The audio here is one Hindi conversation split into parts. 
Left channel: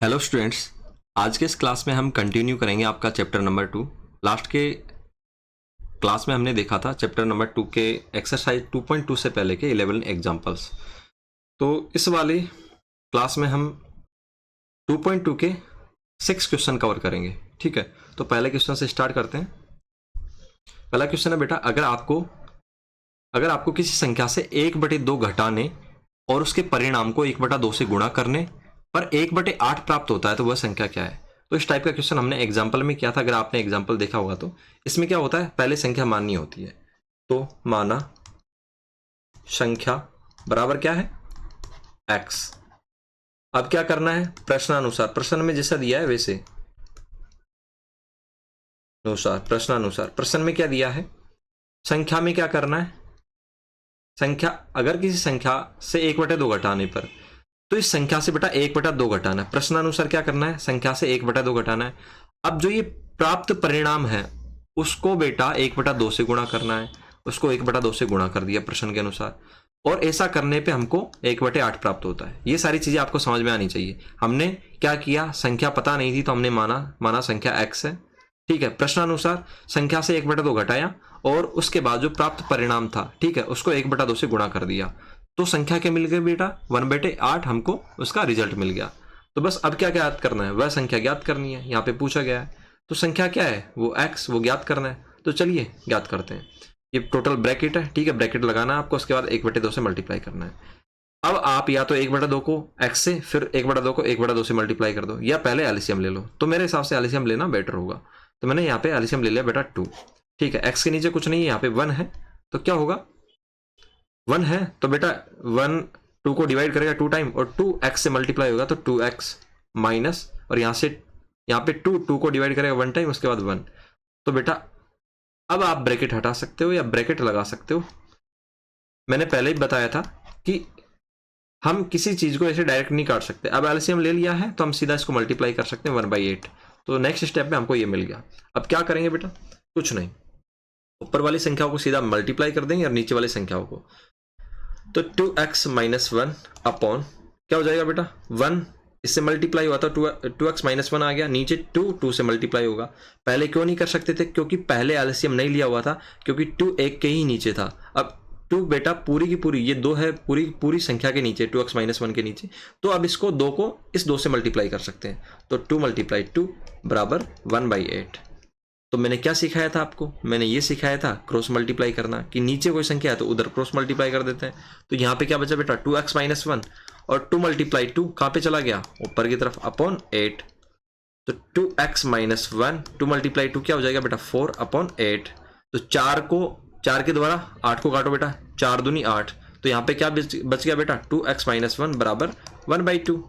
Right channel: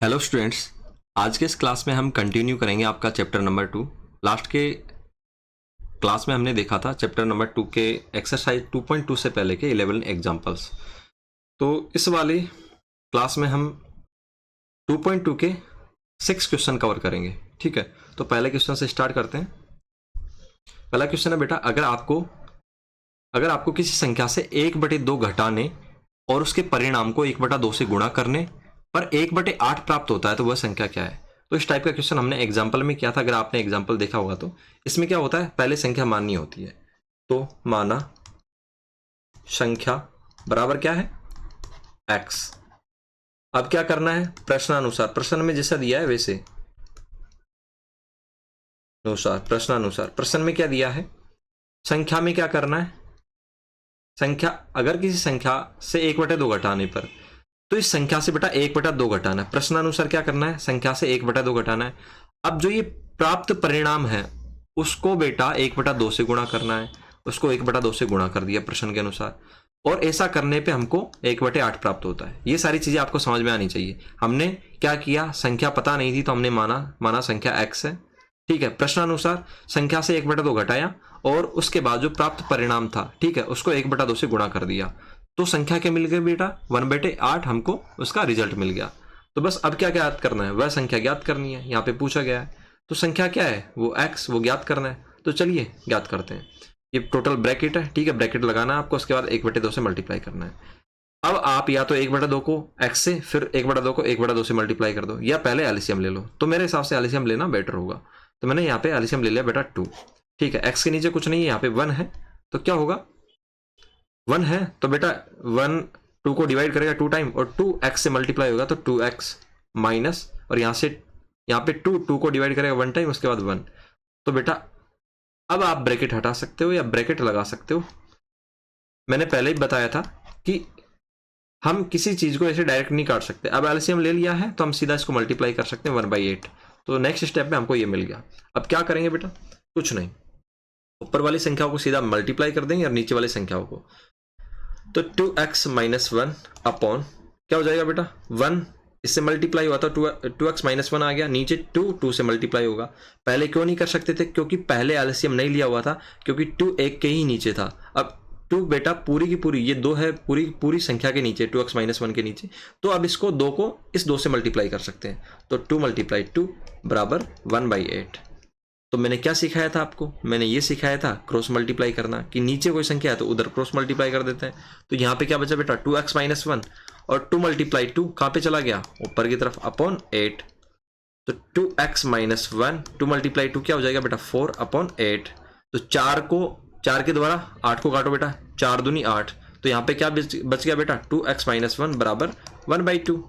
हेलो स्टूडेंट्स, आज के इस क्लास में हम कंटिन्यू करेंगे आपका चैप्टर नंबर 2। लास्ट के क्लास में हमने देखा था चैप्टर नंबर 2 के एक्सरसाइज 2.2 से पहले के 11 एग्जांपल्स। तो इस वाले क्लास में हम 2.2 के 6 क्वेश्चन कवर करेंगे। ठीक है, तो पहले क्वेश्चन से स्टार्ट करते हैं। पहला क्वेश्चन है बेटा, अगर आपको किसी संख्या से 1/2 घटाने और उसके परिणाम को 1/2 से गुणा करने पर 1/8 प्राप्त होता है तो वह संख्या क्या है। तो इस टाइप का क्वेश्चन हमने एग्जाम्पल में किया था। अगर आपने एग्जाम्पल देखा होगा तो इसमें क्या होता है, पहले संख्या माननी होती है। तो माना संख्या बराबर क्या है, x। अब क्या करना है, प्रश्नानुसार, प्रश्न में जैसा दिया है वैसे प्रश्नानुसार प्रश्न में क्या दिया है, संख्या में क्या करना है, संख्या अगर किसी संख्या से 1/2 घटाने पर, तो इस संख्या से बेटा 1/2 घटाना है। प्रश्नानुसार क्या करना है, संख्या से 1/2 घटाना है। अब जो ये प्राप्त परिणाम है उसको बेटा 1/2 से गुणा करना है। उसको 1/2 से गुणा कर दिया प्रश्न के अनुसार, और ऐसा करने पे हमको 1/8 प्राप्त होता है। ये सारी चीजें आपको समझ में आनी चाहिए। हमने क्या किया, संख्या पता नहीं थी तो हमने माना संख्या x है। ठीक है, प्रश्नानुसार संख्या से 1/2 घटाया और उसके बाद जो प्राप्त परिणाम था, ठीक है, उसको 1/2 से गुणा कर दिया। तो संख्या क्या मिल गई बेटा, 1/8 हमको उसका रिजल्ट मिल गया। तो बस अब क्या ज्ञात करना है, वह संख्या ज्ञात करनी है। यहाँ पे पूछा गया है तो संख्या क्या है, वो x, वो ज्ञात करना है। तो चलिए ज्ञात करते हैं। ये टोटल ब्रैकेट है, ठीक है, ब्रैकेट लगाना है आपको, उसके बाद 1/2 से मल्टीप्लाई करना है। अब आप या तो 1/2 को x से, फिर 1/2 को 1/2 से मल्टीप्लाई कर दो, या पहले एलसीएम ले लो। तो मेरे हिसाब से एलसीएम लेना बेटर होगा। तो मैंने यहाँ पे एलसीएम ले लिया बेटा 2। ठीक है, x के नीचे कुछ नहीं है, यहाँ पे 1 है, तो क्या होगा, 1 है तो बेटा 1 2 को डिवाइड करेगा 2 टाइम, और 2x से मल्टीप्लाई होगा तो 2x माइनस, और यहाँ पे 2 को डिवाइड करेगा 1 टाइम, उसके बाद 1। तो बेटा अब आप ब्रैकेट हटा सकते हो या ब्रैकेट लगा सकते हो। मैंने पहले ही बताया था कि हम किसी चीज को ऐसे डायरेक्ट नहीं काट सकते। अब एलसीएम ले लिया है तो हम सीधा इसको मल्टीप्लाई कर सकते हैं 1/8। तो नेक्स्ट स्टेप में हमको ये मिल गया। अब क्या करेंगे बेटा, कुछ नहीं, ऊपर वाली संख्याओं को सीधा मल्टीप्लाई कर देंगे और नीचे वाली संख्याओं को। तो 2x माइनस 1 अपॉन क्या हो जाएगा बेटा, 1 इससे मल्टीप्लाई हुआ था, 2x माइनस 1 आ गया, नीचे 2 से मल्टीप्लाई होगा। पहले क्यों नहीं कर सकते थे, क्योंकि पहले एलसीएम नहीं लिया हुआ था, क्योंकि 2 एक के ही नीचे था। अब 2 बेटा पूरी की पूरी, ये 2 है पूरी पूरी संख्या के नीचे, 2x माइनस 1 के नीचे। तो अब इसको 2 को इस 2 से मल्टीप्लाई कर सकते हैं। तो 2 × 2 बराबर 1/8। तो मैंने क्या सिखाया था आपको, मैंने ये सिखाया था क्रॉस मल्टीप्लाई करना, कि नीचे कोई संख्या है तो उधर क्रॉस मल्टीप्लाई कर देते हैं। तो यहाँ पे क्या बचा बेटा, 2x माइनस 1, और 2 × 2 कहाँ पे चला गया, ऊपर की तरफ, अपॉन 8। तो 2x माइनस 1 2 × 2 क्या हो जाएगा बेटा, 4/8। तो 4 के द्वारा 8 को काटो बेटा, 4 दूनी 8। तो यहाँ पे क्या बच गया बेटा, 2x माइनस 1 बराबर 1/2।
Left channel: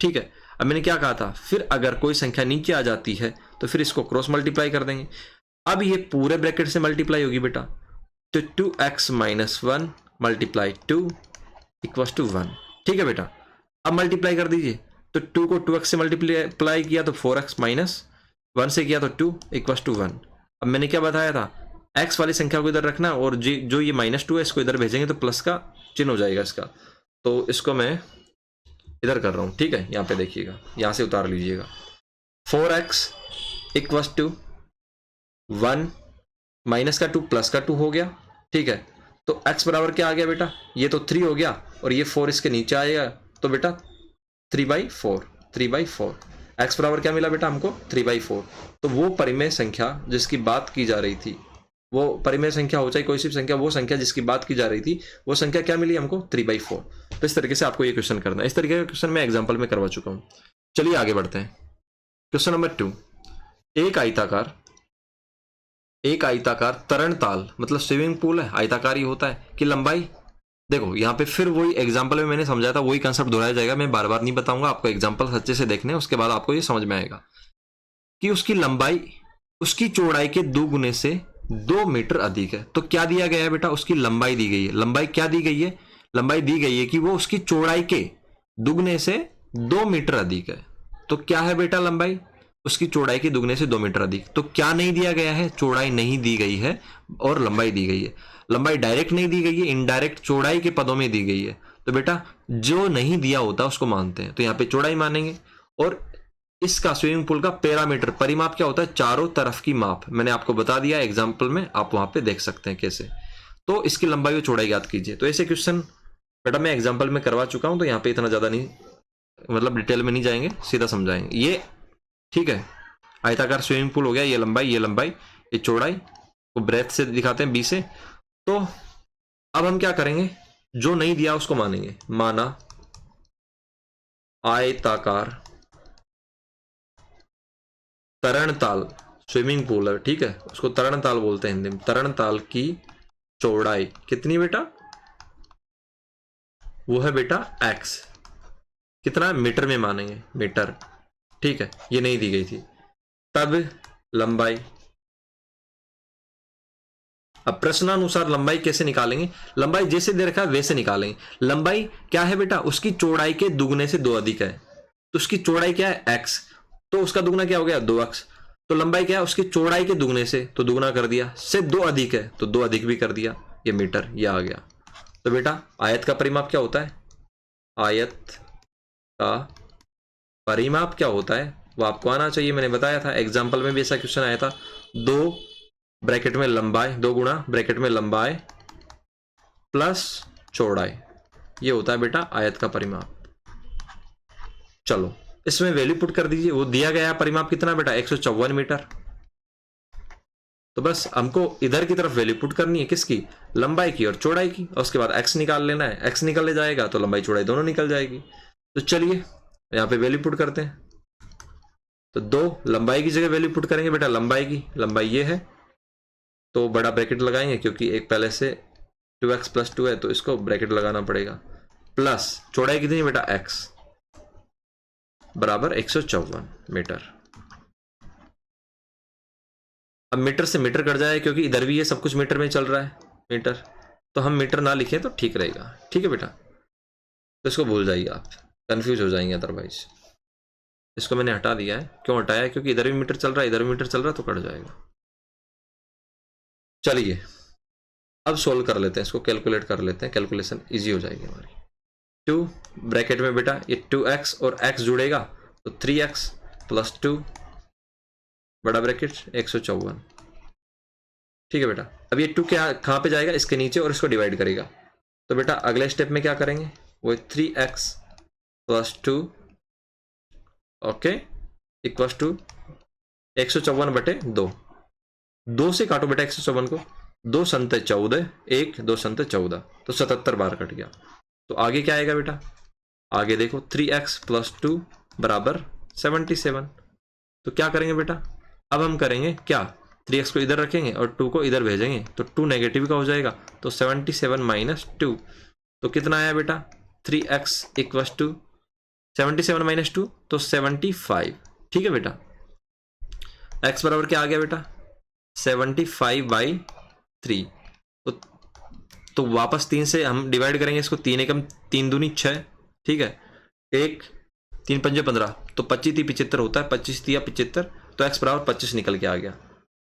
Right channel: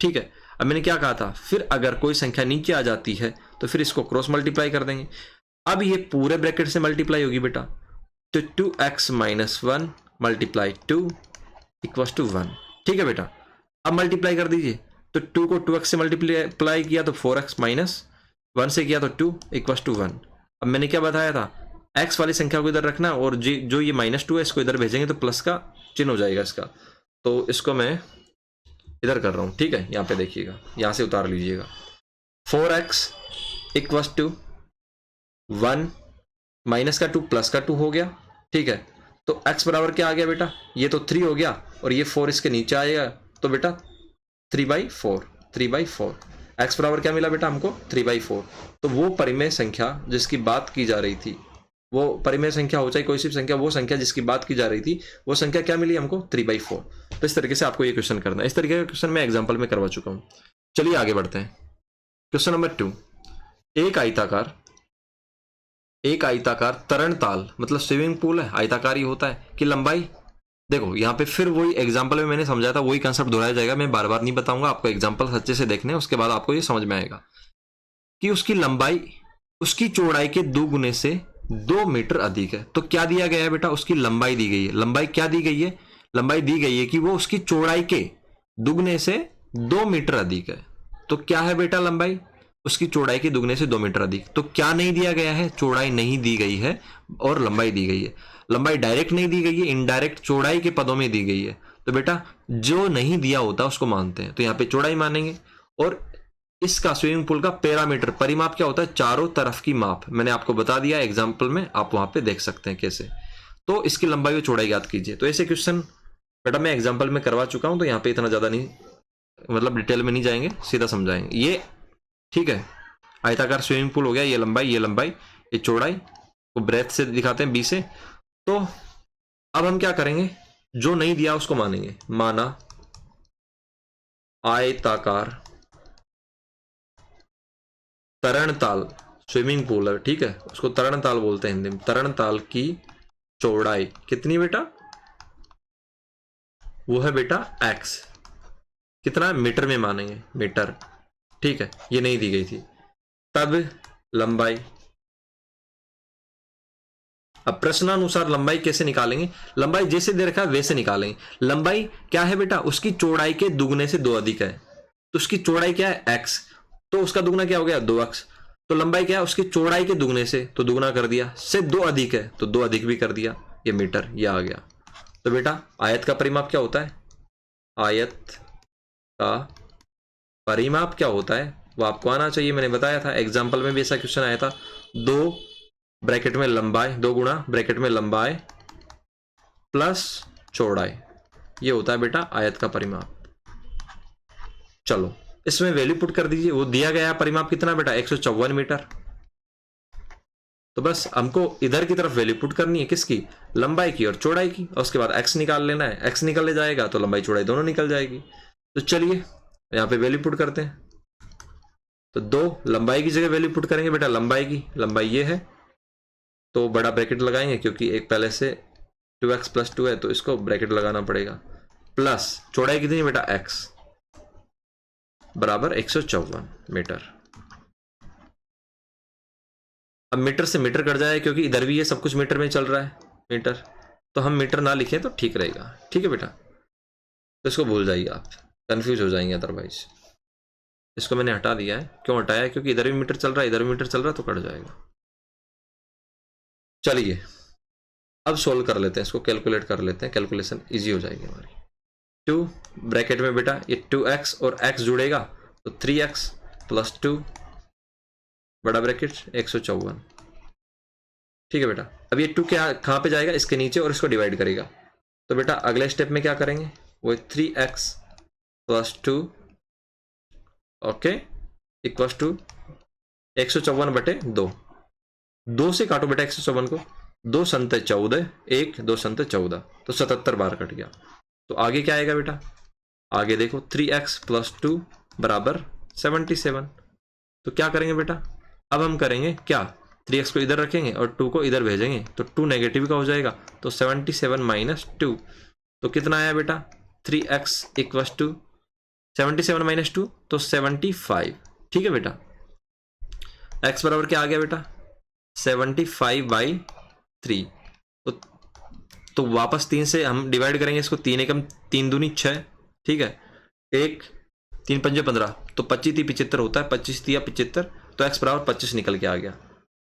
ठीक है, अब मैंने क्या कहा था, फिर अगर कोई संख्या नीचे आ जाती है तो फिर इसको क्रॉस मल्टीप्लाई कर देंगे। अब ये पूरे ब्रैकेट से मल्टीप्लाई होगी बेटा, तो 2x माइनस 1 × 2 इक्वल्स टू 1। ठीक है बेटा, अब मल्टीप्लाई कर दीजिए। तो 2 को 2x से मल्टीप्लाई किया तो 4x माइनस 1 से किया तो 2 इक्वल्स टू 1। अब मैंने क्या बताया था, x वाली संख्या को इधर रखना, और जो ये -2 है इसको इधर भेजेंगे तो प्लस का चिन्ह हो जाएगा इसका। तो इसको मैं इधर कर रहा हूं, ठीक है, यहाँ पे देखिएगा, यहाँ से उतार लीजिएगा। 4x इक्वल्स टू 1 माइनस का 2 प्लस का 2 हो गया। ठीक है, तो x बराबर क्या आ गया बेटा, ये तो 3 हो गया, और ये 4 इसके नीचे आएगा, तो बेटा 3/4 x बराबर क्या मिला बेटा हमको, 3/4। तो वो परिमेय संख्या जिसकी बात की जा रही थी, वो परिमेय संख्या हो चाहे कोई सी संख्या, वो संख्या जिसकी बात की जा रही थी, वो संख्या क्या मिली हमको, 3/4। तो इस तरीके से आपको ये क्वेश्चन करना है। इस तरीके का क्वेश्चन मैं एग्जाम्पल में करवा चुका हूं। चलिए आगे बढ़ते हैं। क्वेश्चन नंबर 2, एक आयताकार तरणताल, मतलब स्विमिंग पूल है, आयताकार ही होता है, कि लंबाई, देखो यहाँ पे फिर वही एग्जाम्पल में मैंने समझाया था, वही कंसेप्ट दोहराया जाएगा, मैं बार बार नहीं बताऊंगा आपको, एग्जाम्पल अच्छे से देखने, उसके बाद आपको ये समझ में आएगा कि उसकी लंबाई उसकी चौड़ाई के 2 गुने से 2 मीटर अधिक है। तो क्या दिया गया है बेटा, उसकी लंबाई दी गई है। लंबाई क्या दी गई है, लंबाई दी गई है कि वो उसकी चौड़ाई के दुगने से 2 मीटर अधिक है। तो क्या है बेटा लंबाई, उसकी चौड़ाई के दुगने से 2 मीटर अधिक। तो क्या नहीं दिया गया है, चौड़ाई नहीं दी गई है और लंबाई दी गई है। लंबाई डायरेक्ट नहीं दी गई है, इनडायरेक्ट चौड़ाई के पदों में दी गई है। तो बेटा जो नहीं दिया होता उसको मानते हैं, तो यहाँ पे चौड़ाई मानेंगे, और इसका स्विमिंग पूल का पैरामीटर परिमाप क्या होता है, चारों तरफ की माप। मैंने आपको बता दिया एग्जाम्पल में, आप वहां पे देख सकते हैं कैसे। तो इसकी लंबाई और चौड़ाई ज्ञात कीजिए। तो ऐसे क्वेश्चन बेटा मैं एग्जाम्पल में करवा चुका हूं, तो यहाँ पे इतना ज्यादा नहीं, मतलब डिटेल में नहीं जाएंगे, सीधा समझाएंगे ये। ठीक है, आयताकार स्विमिंग पूल हो गया, ये लंबाई, ये लंबाई, ये चौड़ाई, तो ब्रेथ से दिखाते हैं 20 से। तो अब हम क्या करेंगे, जो नहीं दिया उसको मानेंगे। माना आयताकार तरणताल स्विमिंग पूल है, ठीक है, उसको तरणताल बोलते हैं हिंदी में। तरणताल की चौड़ाई कितनी बेटा, वो है बेटा x। कितना, मीटर में मानेंगे, मीटर। ठीक है, ये नहीं दी गई थी। तब लंबाई, अब प्रश्नानुसार लंबाई कैसे निकालेंगे, लंबाई जैसे दे रखा है वैसे निकालेंगे। लंबाई क्या है बेटा, उसकी चौड़ाई के दुगने से 2 अधिक है, तो उसकी चौड़ाई क्या है x, तो उसका दुगना क्या हो गया 2x। तो लंबाई क्या है, उसकी चौड़ाई के दुगने से, तो दुगना कर दिया, से 2 अधिक है तो 2 अधिक भी कर दिया, ये मीटर, ये आ गया। तो बेटा आयत का परिमाप क्या होता है, आयत का परिमाप क्या होता है वो आपको आना चाहिए। मैंने बताया था एग्जाम्पल में भी ऐसा क्वेश्चन आया था। 2 ब्रैकेट में लंबाई, 2 गुणा ब्रैकेट में लंबाई प्लस चौड़ाई, ये होता है बेटा आयत का परिमाप। चलो इसमें वैल्यू पुट कर दीजिए। वो दिया गया है परिमाप कितना बेटा, 154 मीटर। तो बस हमको इधर की तरफ वैल्यू पुट करनी है, किसकी, लंबाई की और चौड़ाई की, और उसके बाद x निकाल लेना है। x निकल जाएगा तो लंबाई चौड़ाई दोनों निकल जाएगी। तो चलिए यहाँ पे वैल्यू पुट करते हैं। तो 2 लंबाई की जगह वैल्यू पुट करेंगे बेटा, लंबाई की, लंबाई ये है तो बड़ा ब्रैकेट लगाएंगे, क्योंकि एक पहले से 2x + 2 है तो इसको ब्रैकेट लगाना पड़ेगा, प्लस चौड़ाई कितनी है बेटा x, बराबर 154 मीटर। अब मीटर से मीटर कट जाए, क्योंकि इधर भी ये सब कुछ मीटर में चल रहा है, मीटर, तो हम मीटर ना लिखें तो ठीक रहेगा। ठीक है बेटा, तो इसको भूल जाइए आप, कंफ्यूज हो जाएंगे अदरवाइज। इसको मैंने हटा दिया है, क्यों हटाया, क्योंकि इधर भी मीटर चल रहा है, इधर भी मीटर चल रहा है, तो कट जाएगा। चलिए अब सोल्व कर लेते हैं, इसको कैलकुलेट कर लेते हैं, कैलकुलेशन इजी हो जाएगी हमारी। 2 ब्रैकेट में बेटा ये 2x और x जुड़ेगा तो 3x + 2 बड़ा ब्रैकेट 154। ठीक है बेटा, अब ये 2 क्या कहाँ पे जाएगा, इसके नीचे, और इसको डिवाइड करेगा। तो बेटा अगले स्टेप में क्या करेंगे, वो 3x + 2 ओके इक्वल टू 154/2। 2 से काटो बेटा 154 को, 2 संते 14, 1 2 संते 14, तो 77 बार कट गया। तो आगे क्या आएगा बेटा, आगे देखो 3x + 2 बराबर 77। तो क्या करेंगे बेटा, अब हम करेंगे क्या, 3x को इधर रखेंगे और 2 को इधर भेजेंगे, तो 2 नेगेटिव का हो जाएगा, तो 77 - 2, तो कितना आया बेटा, 3x = 77 - 2 तो 75। ठीक है बेटा, x बराबर क्या आ गया बेटा, 75/3। तो वापस 3 से हम डिवाइड करेंगे इसको, 3 एकम 3 दूनी 6, ठीक है, 1 3 पंजे 15, तो 25 × 75 होता है, 25 × 75, तो x बराबर 25 निकल के आ गया।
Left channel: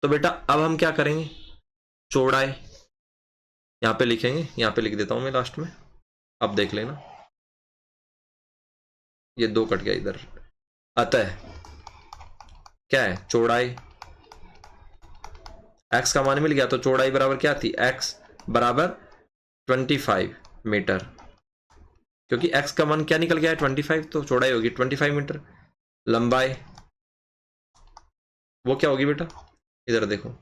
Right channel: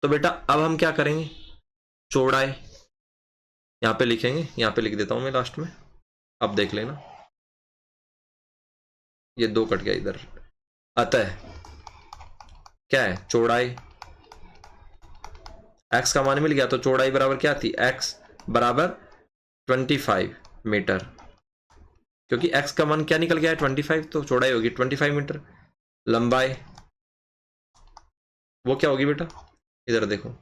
तो बेटा अब हम क्या करेंगे, चौड़ाई यहाँ पे लिखेंगे, यहाँ पे लिख देता हूं मैं लास्ट में, अब देख लेना, ये 2 कट गया इधर। अतः क्या है, चौड़ाई, x का मान मिल गया, तो चौड़ाई बराबर क्या थी, x बराबर 25 मीटर, क्योंकि x का मान क्या निकल गया है 25, तो चौड़ाई होगी 25 मीटर। लंबाई वो क्या होगी बेटा, इधर देखो,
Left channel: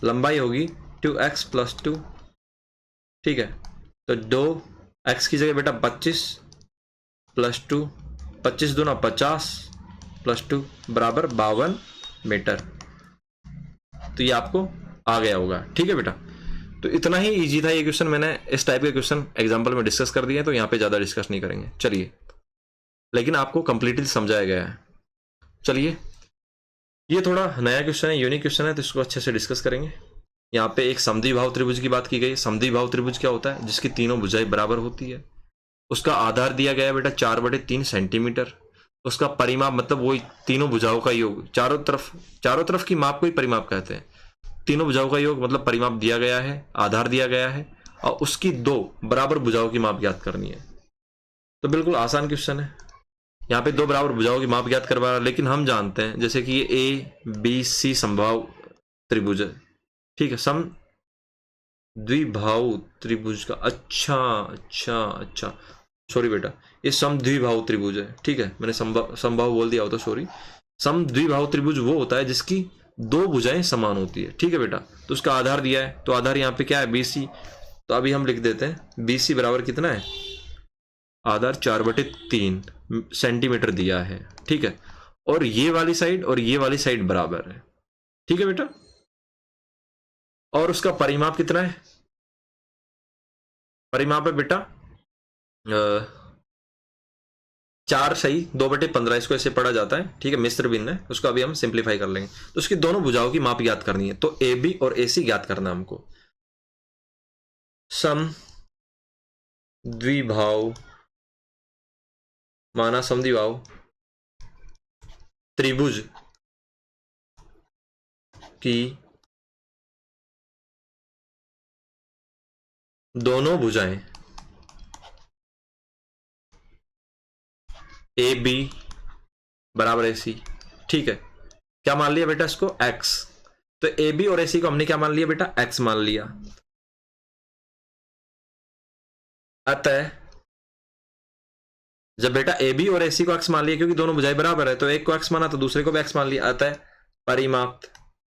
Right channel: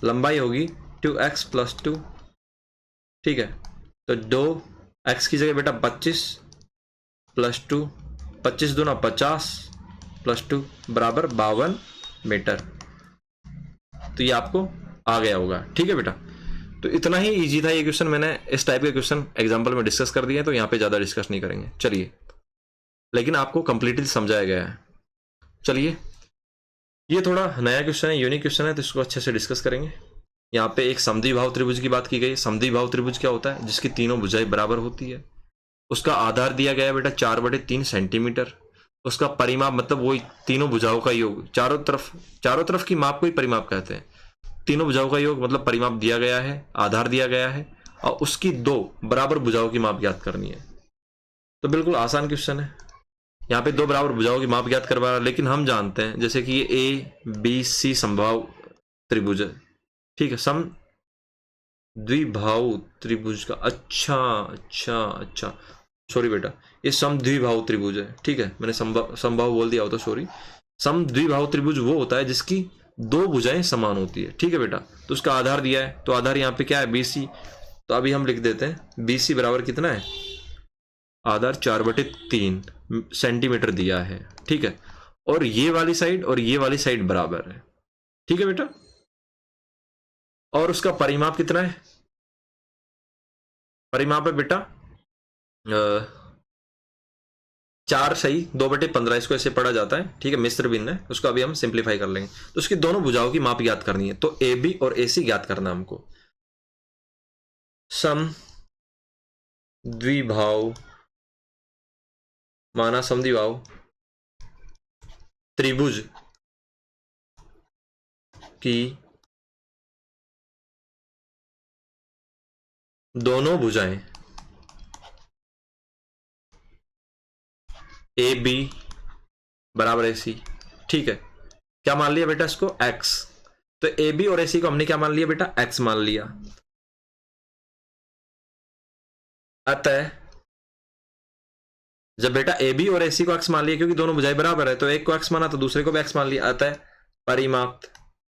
लंबाई होगी 2x + 2। ठीक है, तो 2x की जगह बेटा 25 + 2, 25 दूना 50 + 2 बराबर 52 मीटर। तो ये आपको आ गया होगा। ठीक है बेटा, तो इतना ही इजी था ये क्वेश्चन, मैंने इस टाइप के क्वेश्चन एग्जाम्पल में डिस्कस कर दिए, तो यहाँ पे ज़्यादा डिस्कस नहीं करेंगे। चलिए, लेकिन आपको कंप्लीटली समझाया गया है। चलिए, ये थोड़ा नया क्वेश्चन है, यूनिक क्वेश्चन है, तो इसको अच्छे से डिस्कस करेंगे। यहाँ पे एक समद्विबाहु त्रिभुज की बात की गई। समद्विबाहु त्रिभुज क्या होता है, जिसकी तीनों भुजाएं बराबर होती है। उसका आधार दिया गया बेटा 4/3 सेंटीमीटर। उसका परिमाप मतलब वही तीनों भुजाओं का योग, चारों तरफ की माप को ही परिमाप कहते हैं। तीनों भुजाओं का योग मतलब परिमाप दिया गया है, आधार दिया गया है, और उसकी 2 बराबर भुजाओं की माप ज्ञात करनी है। तो बिल्कुल आसान क्वेश्चन है, यहाँ पे दो बराबर भुजाओं की माप ज्ञात करवा रहा है, लेकिन हम जानते हैं जैसे कि ये ए बी सी समबाहु त्रिभुज है, ठीक है, सम द्विबाहु त्रिभुज का, अच्छा अच्छा अच्छा, सॉरी बेटा, ये सम द्विबाहु त्रिभुज है, ठीक है, मैंने समबाहु बोल दिया होता, सॉरी। सम द्विबाहु त्रिभुज वो होता है जिसकी दो भुजाएं समान होती है, ठीक है बेटा। तो उसका आधार दिया है, तो आधार यहाँ पे क्या है, BC। तो अभी हम लिख देते हैं BC बराबर कितना है, आधार 4/3 सेंटीमीटर दिया है, ठीक है। और ये वाली साइड और ये वाली साइड बराबर है, ठीक है बेटा। और उसका परिमाप कितना है, परिमाप है बेटा 4/2/15, इसको ऐसे पढ़ा जाता है, ठीक है, मिश्र भिन्न है, उसको अभी हम सिंप्लीफाई कर लेंगे। तो उसकी दोनों भुजाओं की माप ज्ञात करनी है, तो AB और AC ज्ञात करना हमको। सम द्विबाहु माना समद्विबाहु त्रिभुज की दोनों भुजाएं AB बराबर AC, ठीक है। क्या मान लिया बेटा इसको, X। तो AB और AC को हमने क्या मान लिया बेटा, X मान लिया। अतः जब बेटा AB और AC को X मान लिया, क्योंकि दोनों भुजाएं बराबर है, तो एक को X माना तो दूसरे को भी X मान लिया। अतः परिमाप,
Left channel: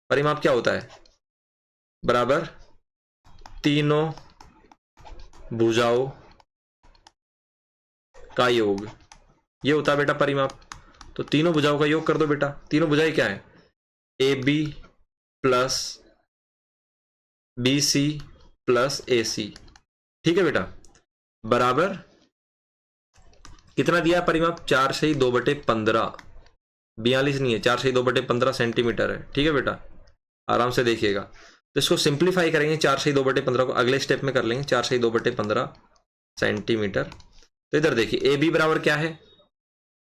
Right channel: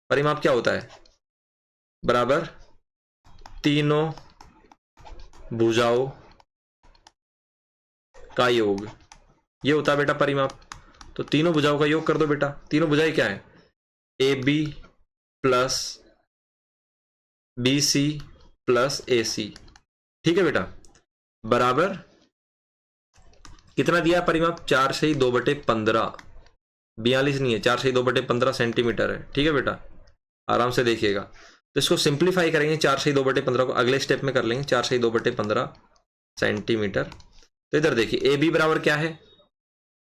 परिमाप क्या होता है, बराबर तीनों भुजाओं का योग, ये होता है बेटा परिमाप। तो तीनों भुजाओं का योग कर दो बेटा। तीनों भुजाएं क्या है, AB plus BC plus AC, ठीक है बेटा, बराबर कितना दिया परिमाप, 4/2/15, 42 नहीं है, 4/2/15 सेंटीमीटर है, ठीक है बेटा, आराम से देखिएगा। तो इसको सिंप्लीफाई करेंगे, 4/2/15 को अगले स्टेप में कर लेंगे, 4/2/15 सेंटीमीटर। तो इधर देखिए AB बराबर क्या है,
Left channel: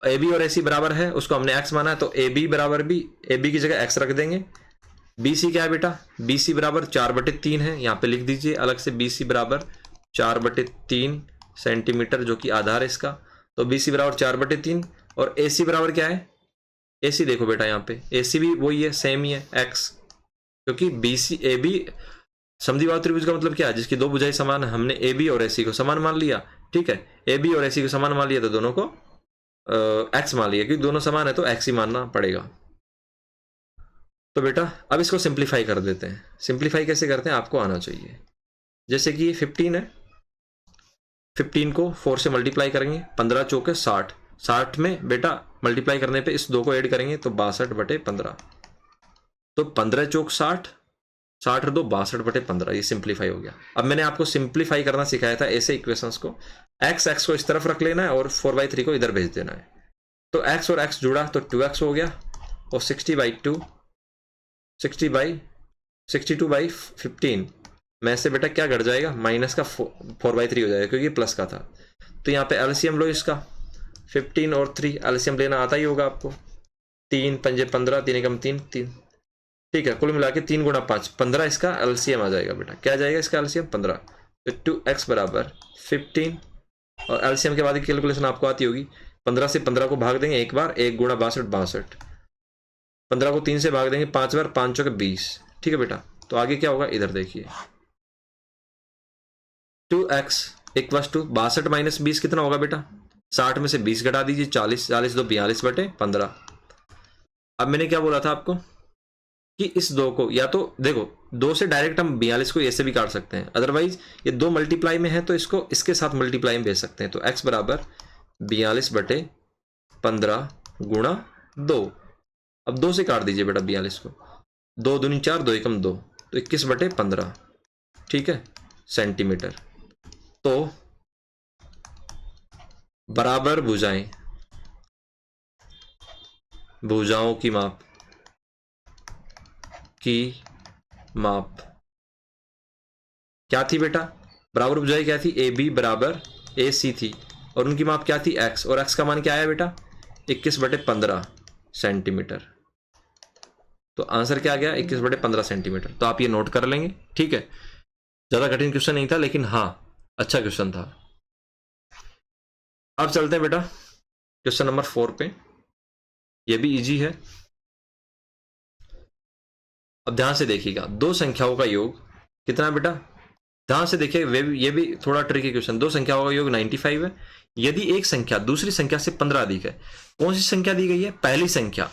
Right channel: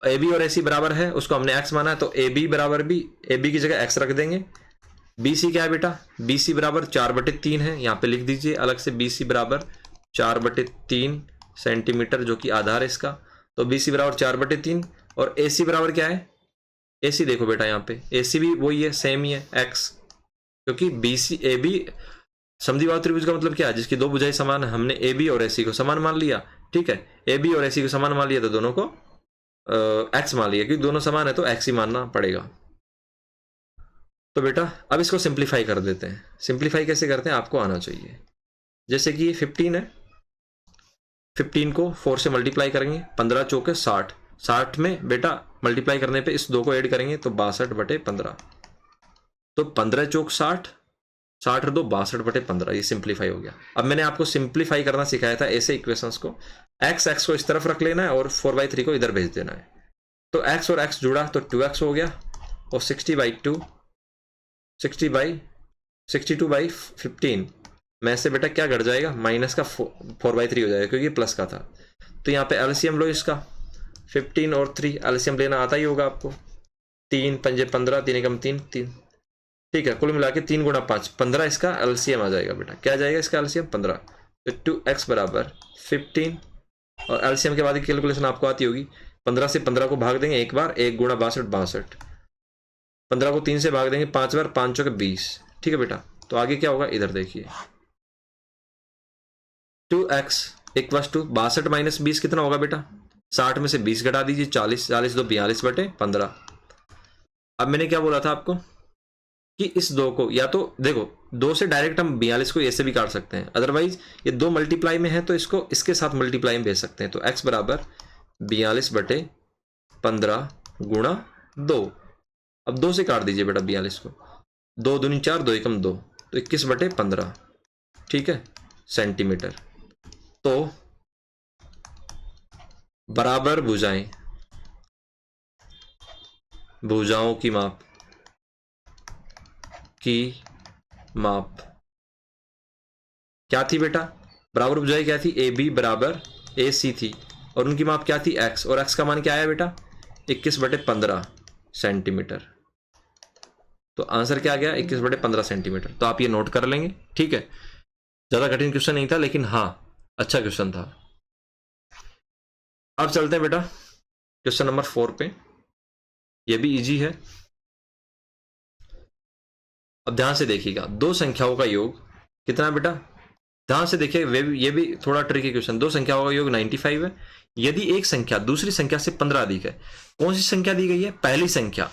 AB और AC बराबर है, उसको हमने X माना है, तो AB बराबर भी AB की जगह X रख देंगे। BC क्या है बेटा, BC बराबर 4/3 है, यहाँ पे लिख दीजिए अलग से, BC बराबर 4/3 सेंटीमीटर, जो कि आधार है इसका। तो BC बराबर 4/3, और AC बराबर क्या है, AC देखो बेटा यहाँ पे AC भी वही है, सेम ही है, X, क्योंकि BC AB समद्विबाहु त्रिभुज का मतलब क्या है, जिसकी दो भुजाएं समान है। हमने AB और AC को समान मान लिया, ठीक है, AB और AC को समान मान लिया, तो दोनों को X मान लिया, क्योंकि दोनों समान है तो X ही मानना पड़ेगा। तो बेटा अब इसको सिंप्लीफाई कर देते हैं। सिंप्लीफाई कैसे करते हैं आपको आना चाहिए। जैसे कि ये 15 है, 15 को 4 से मल्टीप्लाई करेंगे, 15 चौके 60, 60 में बेटा मल्टीप्लाई करने पे इस 2 को ऐड करेंगे तो 62/15, तो 15 चौक 60, 60 और 2 62/15, ये सिंप्लीफाई हो गया। अब मैंने आपको सिंप्लीफाई करना सिखाया था ऐसे इक्वेशंस को, x को इस तरफ रख लेना है और 4/3 को इधर भेज देना है। तो x और x जुड़ा तो 2x हो गया, और 62/15 में से बेटा क्या घट जाएगा, माइनस का 4/3 हो जाएगा, क्योंकि प्लस का था। तो यहाँ पे एलसीएम लो इसका, 15 और 3 एलसीएम लेना आता ही होगा आपको, 3 पंजे 15, 3 एकम 3, 3, ठीक है, कुल मिला के 3 गुणा 5 15 इसका एलसीएम आ जाएगा बेटा। क्या जाएगा इसका एलसीएम, 15। तो 2x बराबर 15, और एलसीएम के बाद की कैलकुलेशन आपको आती होगी, 15 से 15 को भाग देंगे एक बार, 1 गुणा 62, 15 को 3 से भाग देंगे 5 बार, 5 चौके 20, ठीक है बेटा। तो आगे क्या होगा, इधर देखिए 2x इक्वल टू 62 माइनस 20 कितना होगा बेटा, 60 में से 20 घटा दीजिए, 40, 40 2 42/15। अब मैंने क्या बोला था आपको कि इस 2 को, या तो देखो 2 से डायरेक्ट हम 42 को ऐसे भी काट सकते हैं, अदरवाइज ये 2 मल्टीप्लाई में है तो इसको इसके साथ मल्टीप्लाई में भेज सकते हैं। तो x बराबर 42/15 गुणा 2, अब 2 से काट दीजिए बेटा 42 को, 2 दूनी 4, 2 एकम 2, तो 21/15, ठीक है, सेंटीमीटर। तो बराबर भुजाएं, भुजाओं की माप क्या थी बेटा, बराबर भुजाएं क्या थी, AB बराबर AC थी, और उनकी माप क्या थी, X, और X का मान क्या आया बेटा, 21/15 सेंटीमीटर। तो आंसर क्या आ गया, 21/15 सेंटीमीटर। तो आप ये नोट कर लेंगे, ठीक है, ज्यादा कठिन क्वेश्चन नहीं था, लेकिन हाँ अच्छा क्वेश्चन था। अब चलते हैं बेटा क्वेश्चन नंबर 4 पे, ये भी इजी है। अब ध्यान से देखिएगा, दो संख्याओं का योग कितना बेटा, ध्यान से देखिए, ये भी थोड़ा ट्रिकी क्वेश्चन। दो संख्याओं का योग 95 है। यदि एक संख्या दूसरी संख्या से 15 अधिक है, कौन सी संख्या दी गई है? पहली संख्या।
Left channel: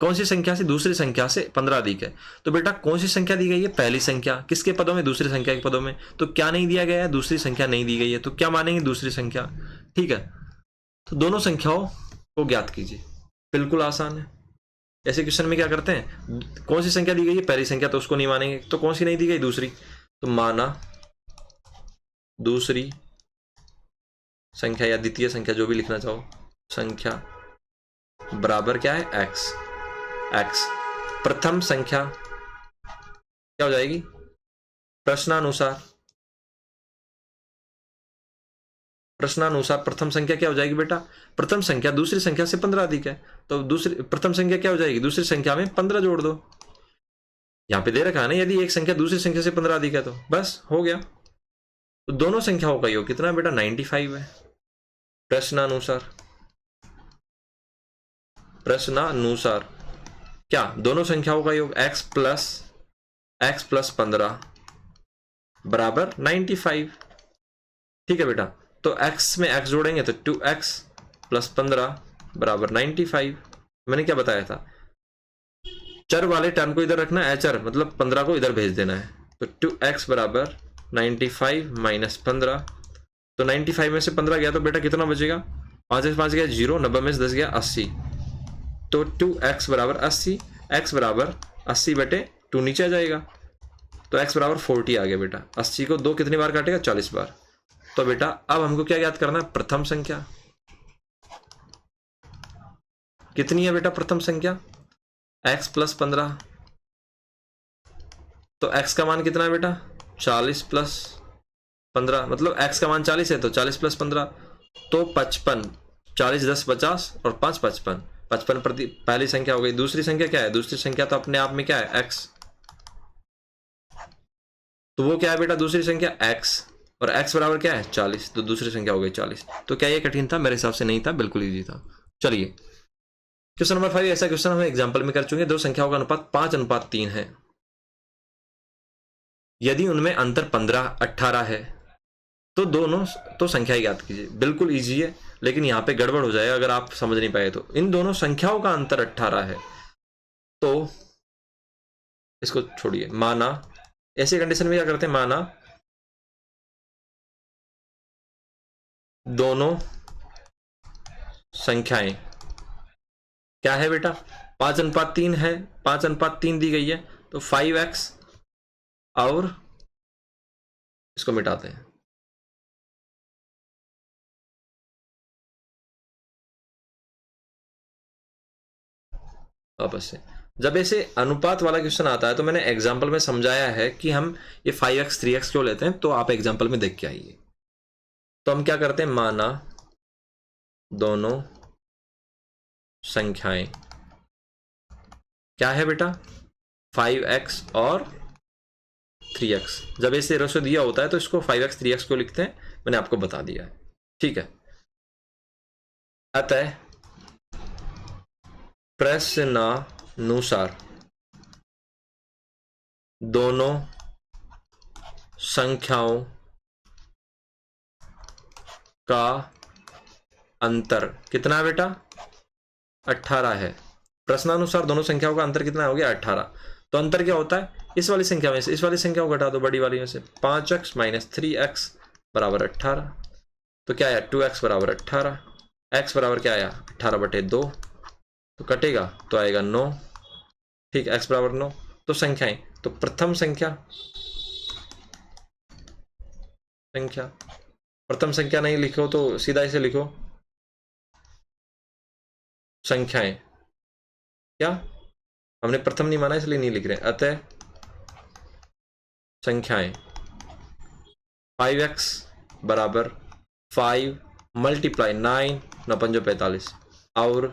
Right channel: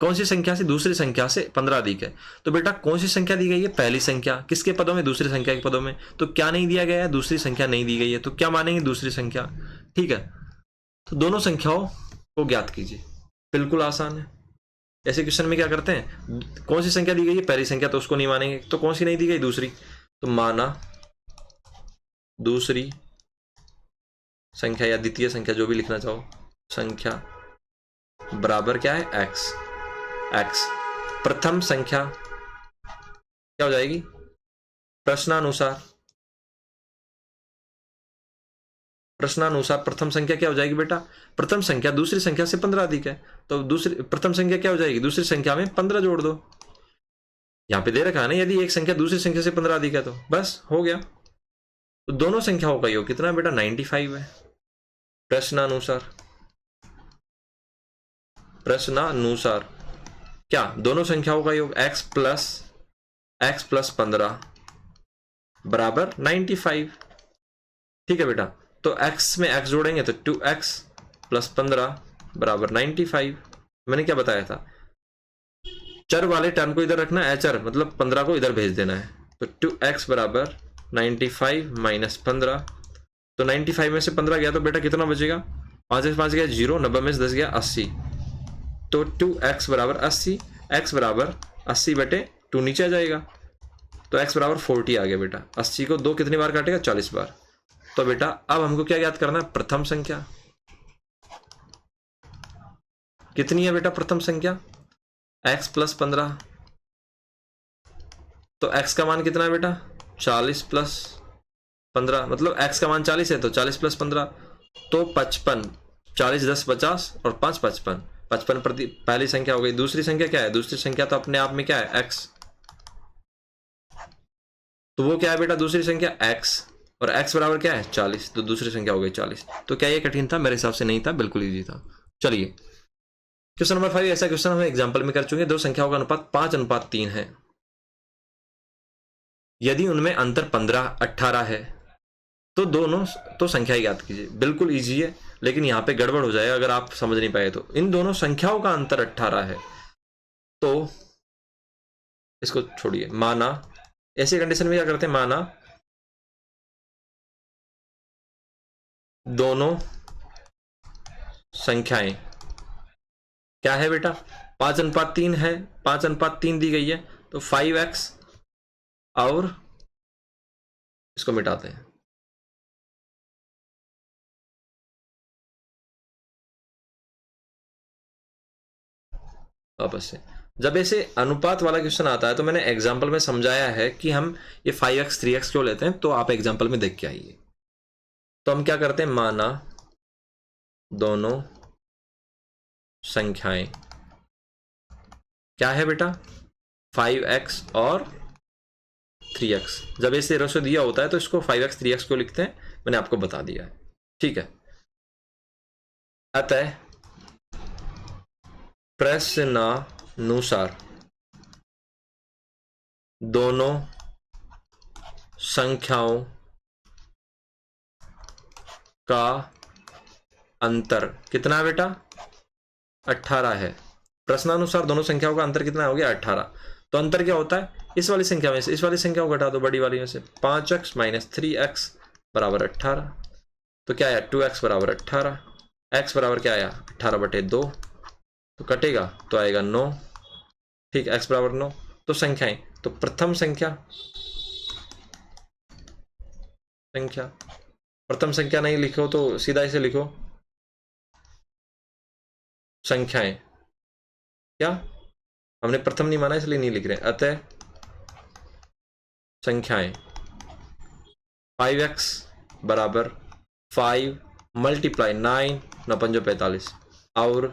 कौन सी संख्या से दूसरी संख्या से 15 अधिक है? तो बेटा कौन सी संख्या दी गई है? पहली संख्या। किसके पदों में? दूसरी संख्या के पदों में। तो क्या नहीं दिया गया है? दूसरी संख्या नहीं दी गई है, तो क्या मानेंगे? दूसरी संख्या। ठीक है, तो दोनों संख्याओं को ज्ञात कीजिए। बिल्कुल आसान है। ऐसे क्वेश्चन में क्या करते हैं, कौन सी संख्या दी गई है? पहली संख्या, तो उसको नहीं मानेंगे। तो कौन सी नहीं दी गई? दूसरी। तो माना दूसरी संख्या या द्वितीय संख्या, जो भी लिखना चाहो, संख्या बराबर क्या है? एक्स। एक्स प्रथम संख्या क्या हो जाएगी? प्रश्नानुसार प्रथम संख्या क्या हो जाएगी बेटा? प्रथम संख्या दूसरी संख्या से 15 अधिक है, तो दूसरी प्रथम संख्या क्या हो जाएगी? दूसरी संख्या में 15 जोड़ दो। यहां पे दे रखा है ना, यदि एक संख्या दूसरी संख्या से 15 अधिक है, तो बस हो गया। तो दोनों संख्याओं का योग कितना है बेटा? 95 है। प्रश्नानुसार क्या? दोनों संख्याओं का योग x प्लस 15 बराबर 95। ठीक है बेटा, तो x में x जोड़ेंगे तो 2x प्लस 15 बराबर 95। मैंने क्या बताया था? चर वाले टर्म को इधर रखना, एचर मतलब 15 को इधर भेज देना है। तो 2x बराबर 95 माइनस 15, तो 95 में से 15 गया तो बेटा कितना बचेगा? 5 से 5 गया 0, 90 में से 10 गया 80, तो 2x बराबर 80। x बराबर 80 बटे 2 नीचे आ जाएगा, तो x बराबर 40 आ गया बेटा। 80 को 2 कितनी बार काटेगा? 40 बार। तो बेटा अब हमको क्या याद करना है? प्रथम संख्या कितनी है बेटा? प्रथम संख्या x प्लस 15, तो x का मान कितना है बेटा? 40 प्लस 15, मतलब x का मान 40 है, तो 40 प्लस 15 तो 55। 40 10 50 और 5 55। 55 प्रति पहली संख्या हो गई। दूसरी संख्या क्या है? दूसरी संख्या तो अपने आप में क्या है? x। तो वो क्या है बेटा? दूसरी संख्या x, और x बराबर क्या है? 40, तो दूसरी संख्या हो गई 40। तो क्या ये कठिन था? मेरे हिसाब से नहीं था, बिल्कुल इजी था। चलिए क्वेश्चन नंबर 5, ऐसा क्वेश्चन हम एग्जाम्पल में कर चुके। दो संख्याओं का अनुपात 5:3 है। यदि उनमें अंतर 15-18 है, तो दोनों तो संख्या ज्ञात कीजिए। बिल्कुल इजी है, लेकिन यहां पे गड़बड़ हो जाएगा अगर आप समझ नहीं पाए तो। इन दोनों संख्याओं का अंतर 18 है, तो इसको छोड़िए। माना, ऐसी कंडीशन में क्या करते हैं? माना दोनों संख्याएं क्या है बेटा? 5:3 है। 5:3 दी गई है, तो 5x, और इसको मिटाते हैं। वापस से जब ऐसे अनुपात वाला क्वेश्चन आता है, तो मैंने एग्जाम्पल में समझाया है कि हम ये 5x 3x क्यों लेते हैं, तो आप एग्जाम्पल में देख के आइए। तो हम क्या करते हैं? माना दोनों संख्याएं क्या है बेटा? 5x और 3x। जब ऐसे रेशो दिया होता है तो इसको 5x 3x क्यों लिखते हैं, मैंने आपको बता दिया है। ठीक है, अतः प्रश्नानुसार दोनों संख्याओं का अंतर कितना है बेटा? 18 है। प्रश्नानुसार दोनों संख्याओं का अंतर कितना हो गया? 18। तो अंतर क्या होता है? इस वाली संख्या में से इस वाली संख्या को घटा दो, बड़ी वाली में से। 5x माइनस 3x बराबर 18। तो क्या आया? 2x बराबर 18। x बराबर क्या आया? 18/2। तो कटेगा तो आएगा 9। ठीक, x बराबर 9। तो संख्याएं, तो प्रथम प्रथम संख्या नहीं लिखो तो सीधा इसे लिखो संख्याएं। क्या हमने प्रथम नहीं माना इसलिए नहीं लिख रहे। अतः संख्याएं 5x बराबर 5 मल्टीप्लाई 9, 9 45, और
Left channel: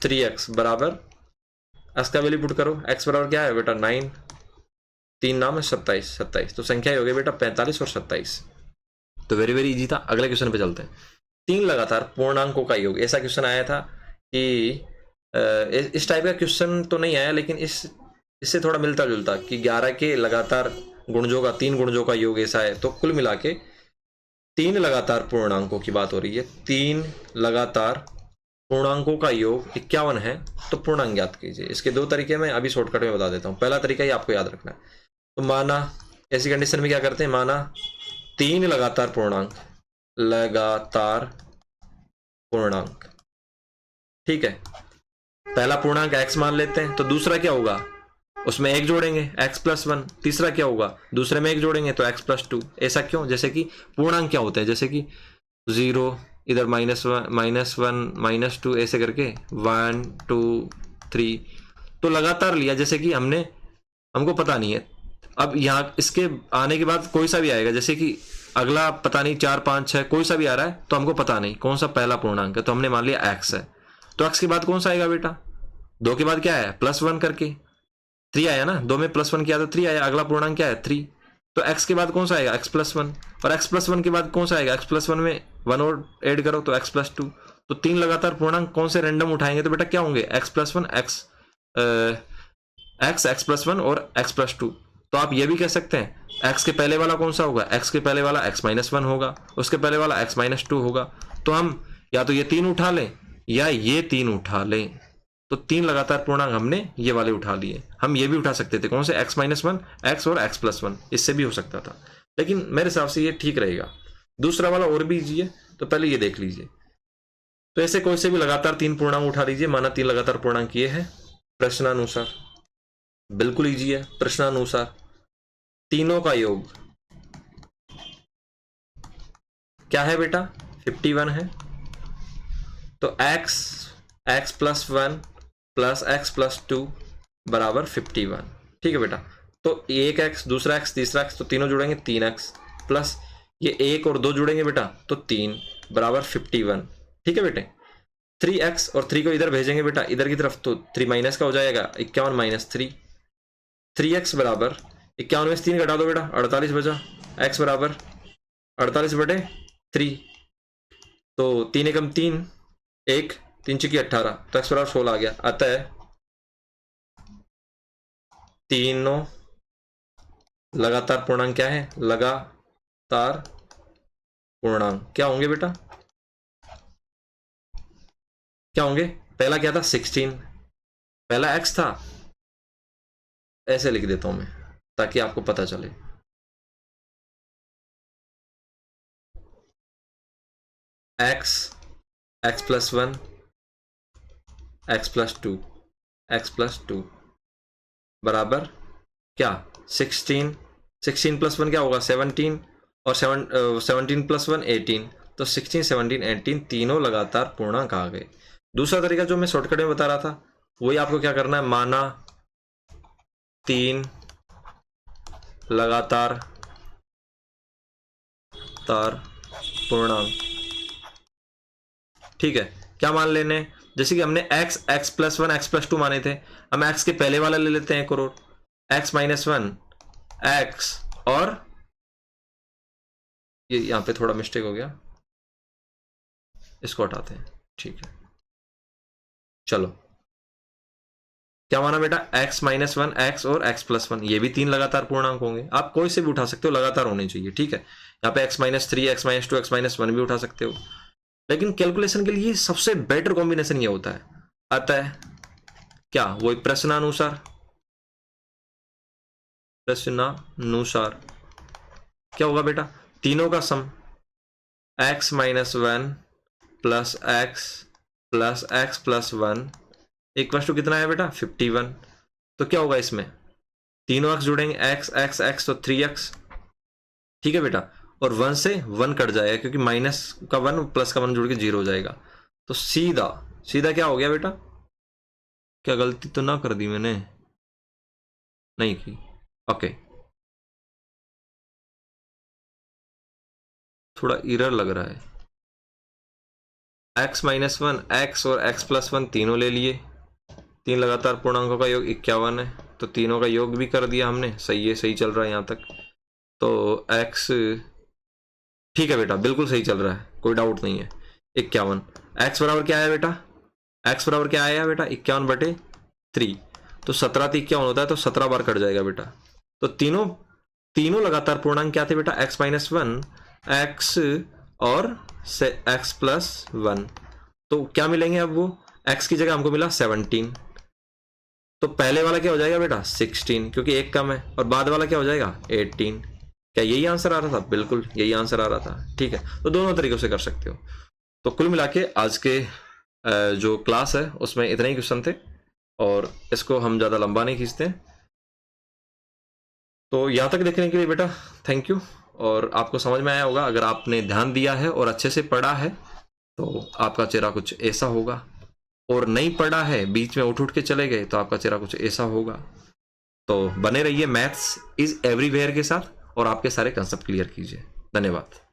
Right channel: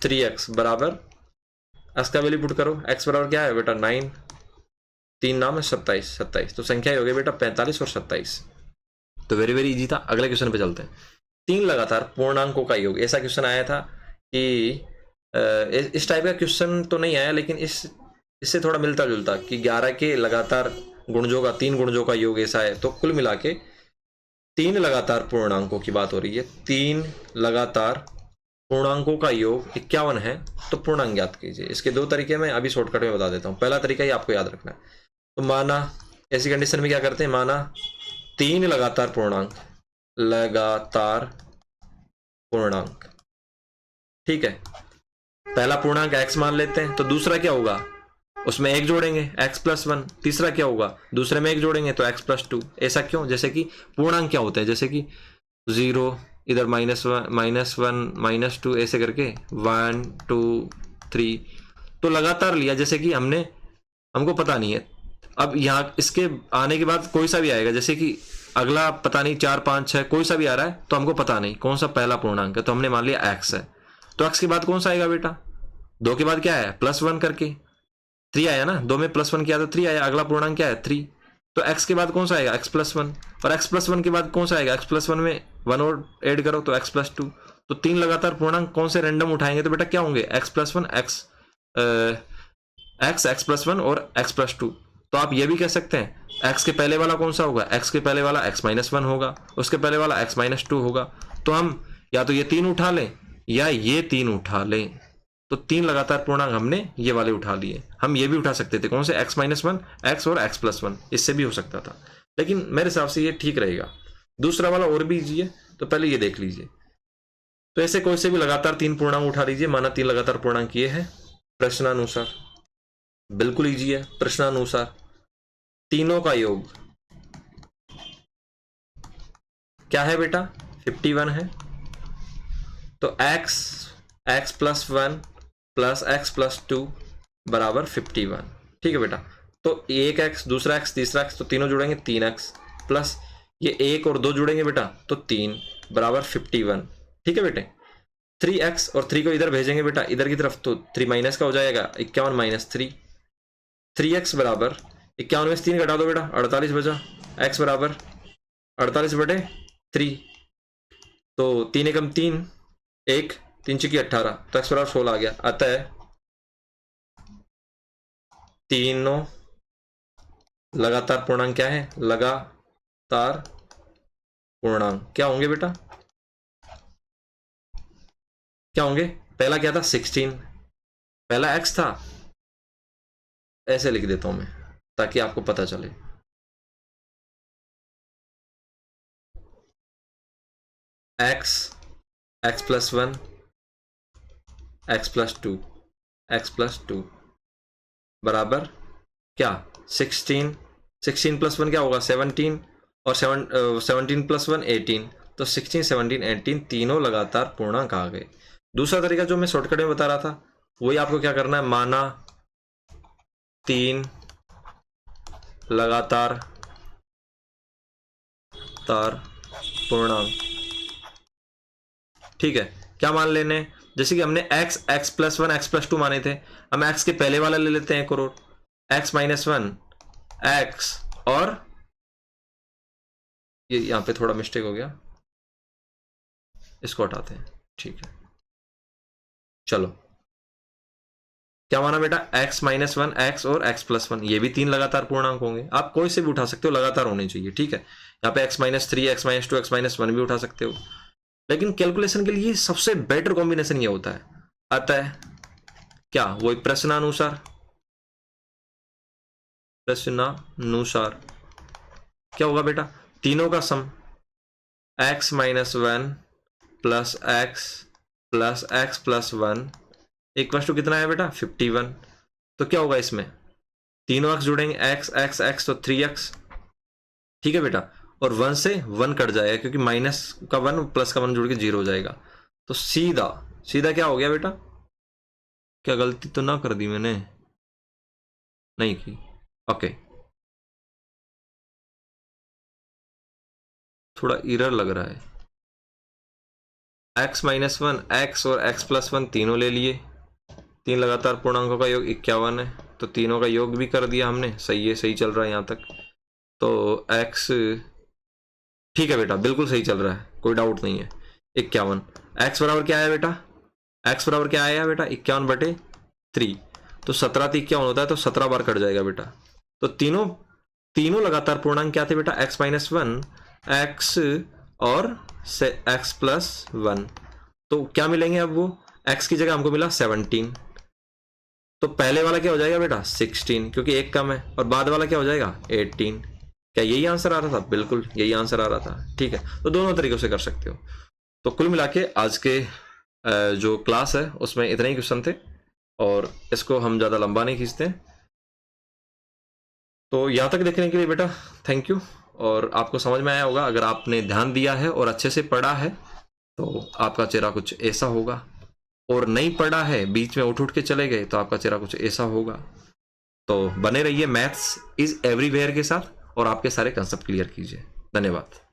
3x बराबर x का वैल्यू पुट करो। x बराबर क्या है बेटा? 9, 3 9 में 27। तो संख्या हो गई बेटा 45 और 27। तो वेरी वेरी इजी था। अगले क्वेश्चन पे चलते हैं। तीन लगातार पूर्णांकों का योग, ऐसा क्वेश्चन आया था कि इस टाइप का क्वेश्चन तो नहीं आया, लेकिन इससे थोड़ा मिलता जुलता कि 11 के लगातार गुणजों का, तीन गुणजों का योग ऐसा है। तो कुल मिला के तीन लगातार पूर्णांकों की बात हो रही है। तीन लगातार पूर्णांकों का योग 51 है, तो पूर्णांक ज्ञात कीजिए। इसके दो तरीके मैं अभी शॉर्टकट में बता देता हूँ। पहला तरीका ही आपको याद रखना है। तो माना ऐसी कंडीशन में क्या करते हैं, माना तीन लगातार पूर्णांक, लगातार पूर्णांक, ठीक है। पहला पूर्णांक x मान लेते हैं, तो दूसरा क्या होगा, उसमें एक जोड़ेंगे x+1। तीसरा क्या होगा, दूसरे में एक जोड़ेंगे तो x+2। ऐसा क्यों, जैसे कि पूर्णांक क्या होते हैं, जैसे कि 0, इधर -1 -2 ऐसे करके 1 2 3, तो लगातार लिया, जैसे कि हमको पता नहीं है। अब यहाँ इसके आने के बाद कोई सा भी आएगा, जैसे कि अगला पता नहीं 4 5 6 कोई सा भी आ रहा है, तो हमको पता नहीं कौन सा पहला पूर्णांक है, तो हमने मान लिया x है। तो x के बाद कौन सा आएगा बेटा, 2 के बाद क्या है, +1 करके 3 आया ना, 2 में +1 किया तो 3 आया। अगला पूर्णांक क्या है, 3। तो x के बाद कौन सा आएगा, x+1, और x+1 के बाद कौन सा आएगा, x+1 में 1 और ऐड करो तो x+2। तो तीन लगातार पूर्णांक कौन से रैंडम उठाएंगे तो बेटा क्या होंगे, x+1 x+1 और x+2। तो आप ये भी कह सकते हैं x के पहले वाला कौन सा होगा, x के पहले वाला x-1 होगा, उसके पहले वाला x-2 होगा। तो हम या तो ये तीन उठा लें या ये तीन उठा लें। तो तीन लगातार पूर्णांक हमने ये वाले उठा लिए। हम ये भी उठा सकते थे, कौन से, x-1, x और x+1, इससे भी हो सकता था, लेकिन मेरे हिसाब से ये ठीक रहेगा। दूसरा वाला और भी इजी है, तो पहले ये देख लीजिए। तो ऐसे कोई से भी लगातार तीन पूर्णांक उठा लीजिए। माना तीन लगातार पूर्णांक ये है, प्रश्नानुसार, बिल्कुल इजी है। प्रश्नानुसार तीनों का योग क्या है बेटा, 51 है। तो x+1 प्लस x+2 बराबर 51, ठीक है बेटा। तो एक x, दूसरा x, तीसरा x, तो तीनों जुड़ेंगे 3x, प्लस ये एक और दो जुड़ेंगे बेटा तो 3 बराबर 51, ठीक है बेटे। 3x और 3 को इधर भेजेंगे बेटा इधर की तरफ, तो 3 माइनस का हो जाएगा, 51 - 3। 3x बराबर 51 में से 3 घटा दो बेटा, 48 बचा। x बराबर 48/3, तो 3 एकम 3, 1 3 × 18, तो x बराबर 16 आ गया। अतः तीनों लगातार पूर्णांक क्या है, लगातार पूर्णांक क्या होंगे बेटा, क्या होंगे। पहला क्या था, 16, पहला x था, ऐसे लिख देता हूं मैं ताकि आपको पता चले। x+1 x+2 x+2 बराबर क्या, 16 + 1 क्या होगा, 17, और 17 + 1 18, तो 16 17 18 तीनों लगातार पूर्णांक आ गए। दूसरा तरीका जो मैं शॉर्टकट में बता रहा था, वही आपको क्या करना है, माना तीन लगातार पूर्णांक, ठीक है। क्या मान लेने, जैसे कि हमने x+1 x+2 माने थे, हम x के पहले वाला ले लेते हैं 1 करोड़, x-1 x, और ये यहां पे थोड़ा मिस्टेक हो गया, इसको हटाते हैं, ठीक है। चलो क्या माना बेटा, x-1 x और x+1, ये भी तीन लगातार पूर्णांक होंगे। आप कोई से भी उठा सकते हो, लगातार होने चाहिए, ठीक है। यहाँ पे x-3 x-2 x-1 भी उठा सकते हो, लेकिन कैलकुलेशन के लिए सबसे बेटर कॉम्बिनेशन ये होता है। अतः क्या, वही प्रश्नानुसार क्या होगा बेटा, तीनों का sum x-1 plus x plus x+1 equal to कितना है बेटा, 51। तो क्या होगा, इसमें तीनों x जुड़ेंगे, x x x तो 3x, ठीक है बेटा। और 1 से 1 कट जाएगा, क्योंकि माइनस का 1 प्लस का 1 जुड़ के 0 हो जाएगा। तो सीधा सीधा क्या हो गया बेटा, क्या गलती तो ना कर दी मैंने, नहीं की, ओके, थोड़ा एरर लग रहा है। x-1 x और x+1 तीनों ले लिए, तीन लगातार पूर्णांकों का योग 51 है, तो तीनों का योग भी कर दिया हमने, सही है, सही चल रहा है यहाँ तक। तो x, ठीक है बेटा, बिल्कुल सही चल रहा है, कोई डाउट नहीं है। 51। x बराबर क्या आया बेटा, x बराबर क्या आया बेटा 51/3। तो 17 तो 51 होता है, तो 17 बार कट जाएगा बेटा। तो तीनों लगातार पूर्णांक क्या थे बेटा, x-1, x और x+1। तो क्या मिलेंगे अब वो, x की जगह हमको मिला 17। तो पहले वाला क्या हो जाएगा बेटा 16, क्योंकि एक कम है, और बाद वाला क्या हो जाएगा 18। क्या यही आंसर आ रहा था, बिल्कुल यही आंसर आ रहा था। ठीक है, तो दोनों तरीकों से कर सकते हो। तो कुल मिला के आज के जो क्लास है उसमें इतने ही क्वेश्चन थे, और इसको हम ज़्यादा लंबा नहीं खींचते। तो यहाँ तक देखने के लिए बेटा थैंक यू, और आपको समझ में आया होगा। अगर आपने ध्यान दिया है और अच्छे से पढ़ा है तो आपका चेहरा कुछ ऐसा होगा, और नहीं पढ़ा है, बीच में उठ के चले गए, तो आपका चेहरा कुछ ऐसा होगा। तो बने रहिए मैथ्स इज एवरीवेयर के साथ, और आपके सारे कंसेप्ट क्लियर कीजिए। धन्यवाद।